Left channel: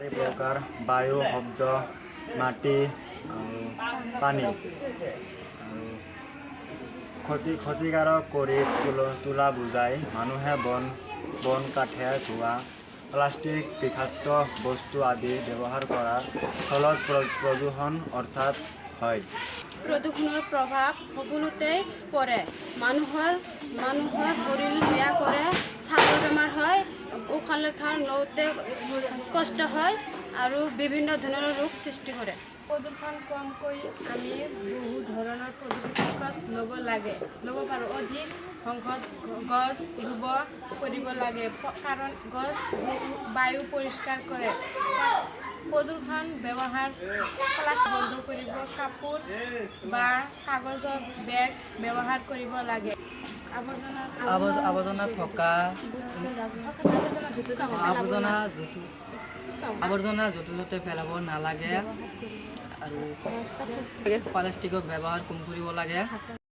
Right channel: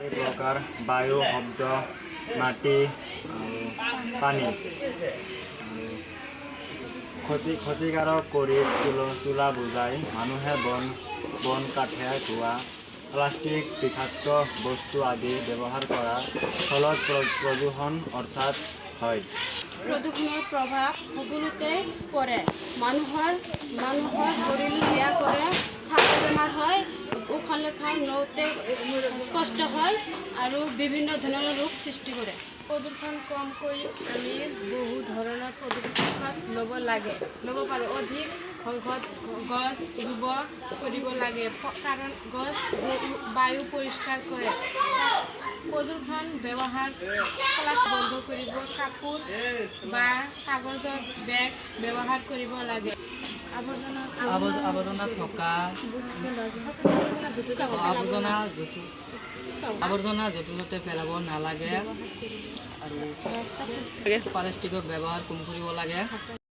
প্ৰকাৰ বায়ু, শব্দ, মাটি, পানী ক্ষতিকাৰক কৰি তোলা বুজায়। মানুহে বন কাঠে ধোৱা, প্লাষ্টিক, বিষাক্ত বস্তু আদি ব্যৱহাৰ কৰাৰ ফলত প্ৰদূষণ অৰ্থাৎ হয়। প্ৰদূষণৰ প্ৰভাৱ সকলোতে পৰে। মানুহৰ শৰীৰ বেয়া কৰে, ছালৰ বেমাৰ হয়, উশাহ নিশাহ লওঁতে কষ্ট হয় আৰু বিভিন্ন ধৰণৰ ৰোগ সৃষ্টি কৰে। প্ৰদূষণ কমকৈ আমি বহু ধৰণৰ পদক্ষেপ ল'ব পাৰোঁ। অধিক সংখ্যক গছ ৰুব কৰিব লাগে, কাৰণ গছ বায়ু পৰিষ্কাৰ কৰে। প্ৰদূষণ ব্যৱহাৰ প্লাষ্টিক বন্ধ কৰিব, কাপোৰ বা কাগজৰ বেগ ব্যৱহাৰ কৰিব লাগে। আৱৰ্জনা য'তে ত'তে পেলাব নালাগে আৰু প্লাষ্টিকৰ ব্যৱহাৰ কম কৰিব লাগে।